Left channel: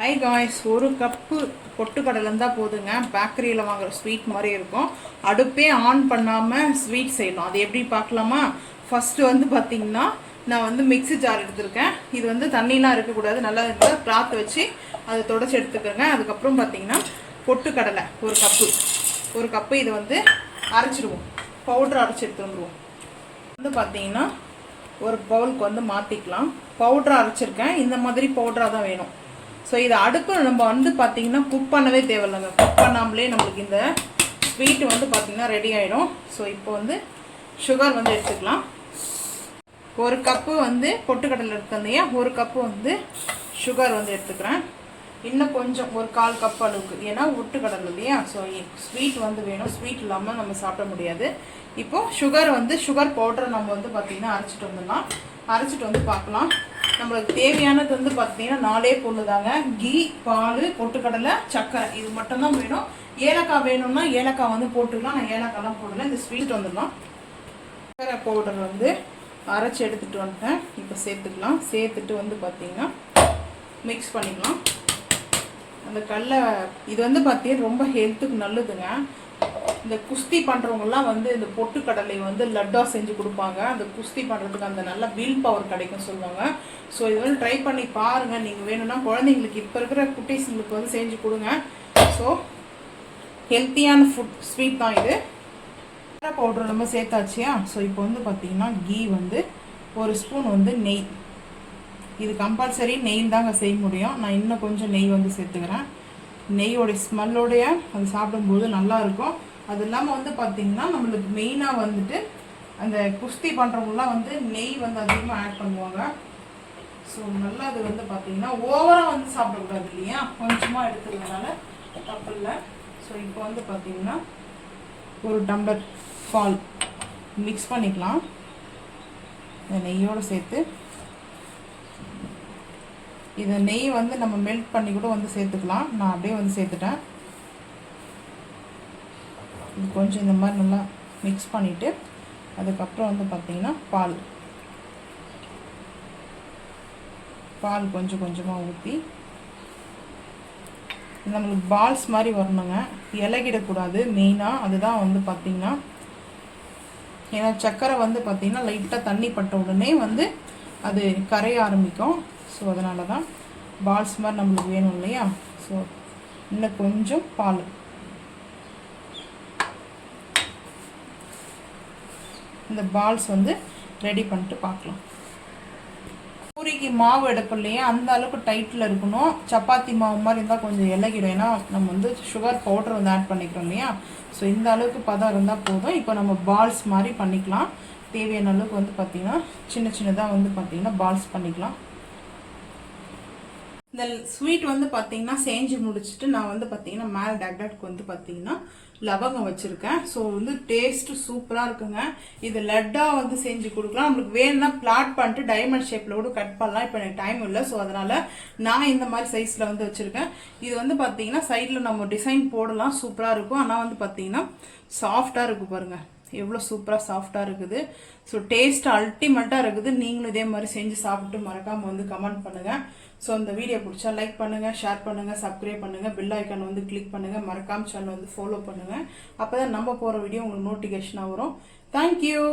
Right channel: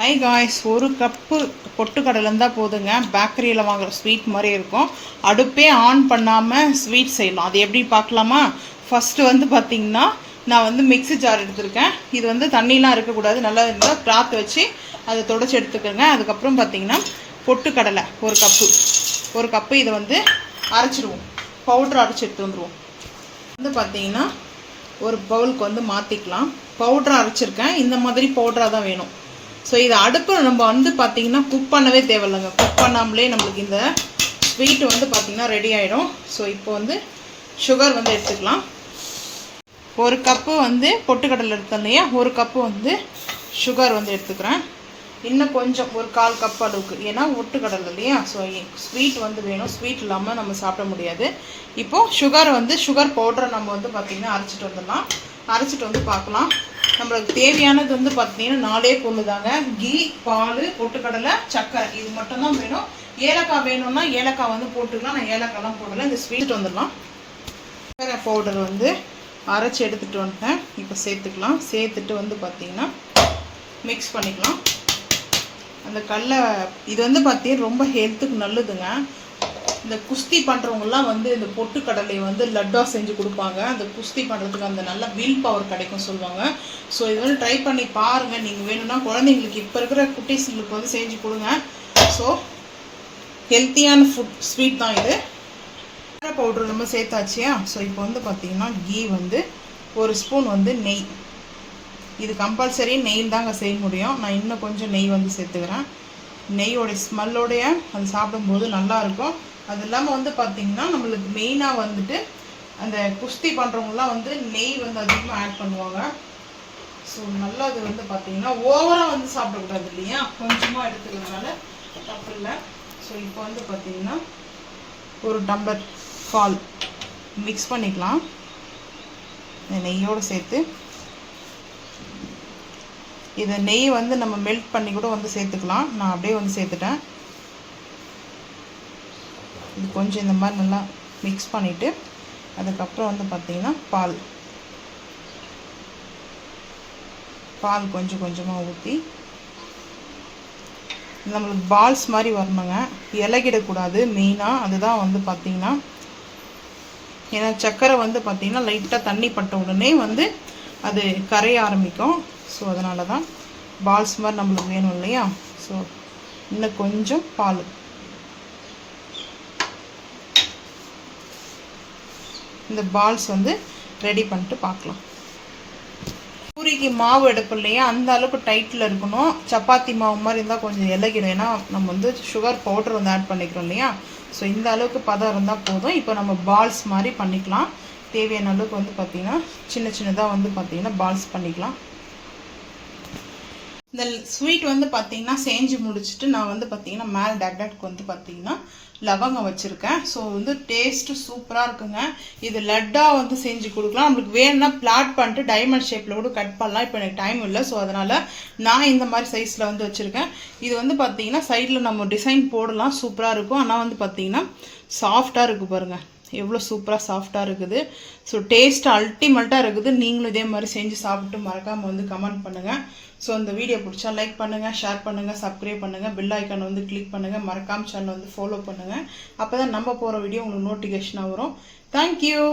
High guys, ஒரு cup பொட்டுக்கடலை இருந்தால் போதுங்க. பேக்கரியில் வாங்குகிற ஸ்வீட் மாதிரி இருக்கும். அடுப்பே ஆன் பண்ணாமல் ஸ்வீட் செய்யலாம். அது எப்படி பார்க்கலாமா? ஃபஸ்ட்டு வந்து பார்த்திங்கன்னா, நான் மிக்ஸி ஜார் எடுத்துருக்கேன். இது தண்ணிலாம் இருக்கக்கூடாது, நல்லா இருந்தால் கிளாத்தை வச்சு அதை தொடச்சி எடுத்துக்கோங்க. அதுக்கப்புறம் பார்த்திங்கன்னா பொட்டுக்கடலை ஒரு கப்பு இதை அரைச்சிடுவோம். பவுட்ரு அரைச்சி எடுத்து வந்துடுவோம். பார்த்திங்கன்னா ஒரு பவுலுக்கு மாற்றிக்கலாம். பவுட்ரு அரைச்சிருக்கேன். இந்த மாதிரி பவுட்ராக தான் வேணும். ஸோ இதை அடுப்பில் நம்ம பார்த்திங்கன்னா குக் பண்ணவே தேவையில்லைங்க. குக் பண்ணாமலே நம்மளுக்கு இந்த ஸ்வீட்டு பார்த்திங்கன்னா ரெடி ஆகிடும். ஸோ இப்போ சுகர் எடுத்துக்கலாம். ஒரு கப்பு பொட்டுக்கடலை எடுத்தேன் இல்லையா, ஒரு கப்பு சுகர் எடுத்துக்கிறேன். இன்னும் கொஞ்சம் ஒரு 1/4 கப் அளவுக்கு, ஏன்னா பொட்டுக்கடலை இல்லையா. ஸோ ஸ்வீட் வேணும். ஸ்வீட் இல்லாமல் நம்ம சாப்பிட முடியாது. இப்போது சுகர் பவுடரை நம்ம பார்த்திங்கன்னா அரைச்சிட்டு வந்துடலாம். அரைச்சிட்டு பார்க்கலாம். நம்மளுக்கு தேவையானது பார்த்தீங்கன்னா 4 பொருள் தாங்க. கீ, பால், பொட்டுக்கடலை, சர்க்கரை, இது மட்டும்தான் வேணும். ஏலக்காய் வேணும்னா ஏலக்காய் போட்டுக்கலாம். நான் ஏலக்காய்லாம் போடலை. இந்த ஸ்வீட் வந்துடலாம். சர்க்கரை பவுடர் அரைச்சி எடுத்துகிட்டு வந்துட்டேன். இப்போ சேர்த்துக்கலாம். சேர்த்துட்டு பார்த்தீங்கன்னா மிக்ஸ் பண்ணிக்கலாம். அந்த கடலை இது பார்த்தீங்கன்னா ரொம்ப ஹெல்த்துக்கு நல்லதுங்க. இந்த குஸ்தி பண்ணுறவங்கலாம் இந்த பொட்டுக்கடலை லட்டாக செஞ்சு கொடுப்பாங்க. அந்த குஸ்தி பண்ணுறதுக்கு அந்த நல்ல வில் பவர் கிடைக்கும் சொல்லுவாங்க. ஸோ இது ட்ரை பண்ணி பாருங்கள். நீங்கள் வேணும்னா குழந்தைங்களுக்கு, இப்போ இருக்கிற குட்டீஸுங்களுக்கு செஞ்சு கொடுங்க. ஸோ ஹெல்த்தியான ஸ்வீட் தான் இது. பவுடர் நம்ம சேர்த்தாச்சியா. ஸோ இப்போ பார்த்தீங்கன்னா கீ 1 ஸ்பூன் நெய். இது கம்பல்சரி நெய் தாங்க செய்ய முடியும். நான் இன்னும் கொஞ்சம் நெய் சேர்த்துக்கிறேன். நெய்யோடைய ஸ்மெல்லோடைய அது சாப்பிடும்போது நல்லாயிருக்கும். அது இல்லாமல் பார்த்திங்கன்னா நம்மளுக்கு மெயினாக அந்த குஸ்தி பண்ணுறவங்களாம் நெய் அதிகமாக ஆட் பண்ணுவாங்க. ஸோ நல்லா அது பார்த்திங்கன்னா ஓவராக சாப்பிடக்கூடாது இல்லையா, கொஞ்சமாக எடுத்துக்கிறதுனால தப்பு இல்லை. ஸோ இப்போ பார்த்திங்கன்னா ஒரு டம்ளர் பால் மிக்ஸ் பண்ணிக்கலாம். இந்த நெய்யோடு சேர்த்து இதை நெய் நம்ம மெல்ட் பண்ணி கூட சேர்த்துக்கலாம். நான் அப்படியே சேர்த்துட்டேன். இது கொஞ்சம் இந்த மாதிரி நல்லா மிக்ஸ் பண்ணிவிட்டு அதுக்கப்புறம் பார்த்திங்கன்னா பால் கொஞ்சம் கொஞ்சமாக ஊற்றி நம்மளுக்கு பால்ஸ் மாதிரி வரணுங்க. இலகிடக்கூடாது மெயினாக. அதுதான் பார்த்திங்கன்னா, ஏன்னா சர்க்கரை பார்த்திங்கன்னா லைட்டாக தண்ணி பட்ட உடனே அது கரைய ஆரம்பிக்கும். ஸோ அதனால தான் பால்ஸ் மாதிரி நம்மளுக்கு வேணும் இல்லையா. ஸோ இன்னும் கொஞ்சம் பால், இந்த பால்ஸ் ரெடி பண்ணிட்டு பார்க்கலாம். பூரிக்கு மாவு எடுப்போம் இல்லையா, அந்த அளவுக்கு டைட்டில் இருக்கணும். சப்பாத்தி மாவு மாதிரி இருந்தால் கொஞ்சம் இலகிடும். ஏன்னா நம்ம சுகர் பவுடர் ஆட் பண்ணிக்கிறோம் இல்லையா. ஸோ இந்த அளவுக்கு பதம் இருந்தால் போதும். இப்போ நம்ம பால்ஸ் மாதிரி பண்ணிக்கலாம். தேவையான அளவுக்கு பார்த்திங்கன்னா சின்ன சின்னதாக பார்த்திங்கன்னா பால்ஸ் பண்ணிக்கலாம். இந்த ஸ்வீட் பார்த்திங்கன்னா செஞ்சு முடிச்சுட்டு நான் பார்த்திங்கன்னா மேலே டெக்கரேட்க்கு பார்த்திங்கன்னா லவங்கம் வச்சுருக்கேன். ஸோ டேஸ்ட்டு சூப்பராக இருக்குங்க. இது லட்டாக செஞ்சு கொடுக்கலாம். நம்மளுக்கு வேணும்னா பிளாட் பண்ணிட்டு டைமண்ட் ஷேப்பில் கூட கட் பண்ணலாம். இப்போ எனக்கு டைம் இல்லை. ஸோ அதனால் நான் இந்த மாதிரி சைஸில் வச்சுருக்கேன். இது பார்த்திங்கன்னா சைடில் நம்ம டிசைன் போடலாம். சூப்பராக இருக்கும். ஆனால் பார்த்திங்கன்னா சாஃப்டாக இருக்குது பாருங்கள், எவ்வளோ சூப்பராக சாஃப்டாக இருக்குது. ஸோ டேஸ்ட் அல்டிமேட்டாக இருக்குது. நீங்களும் இதே மாதிரி செஞ்சு சாப்பிட்டு மறக்காமல் கமெண்ட் பண்ணுங்கள். ஸோ இந்த வீடியோ பிடிச்சா லைக் பண்ணுங்கள், ஷேர் பண்ணுங்கள், சப்ஸ்கிரைப் பண்ணுங்கள், பெல் ஐக்கானை கிளிக் பண்ணுங்கள், மறக்காமல் சேனல் ஃபாலோ பண்ணுங்கள். அப்போ தான் நம்ம போகிற வீடியோ உங்களுக்கு நோட்டிஃபிகேஷனாக வரும். தேங்க்யூ.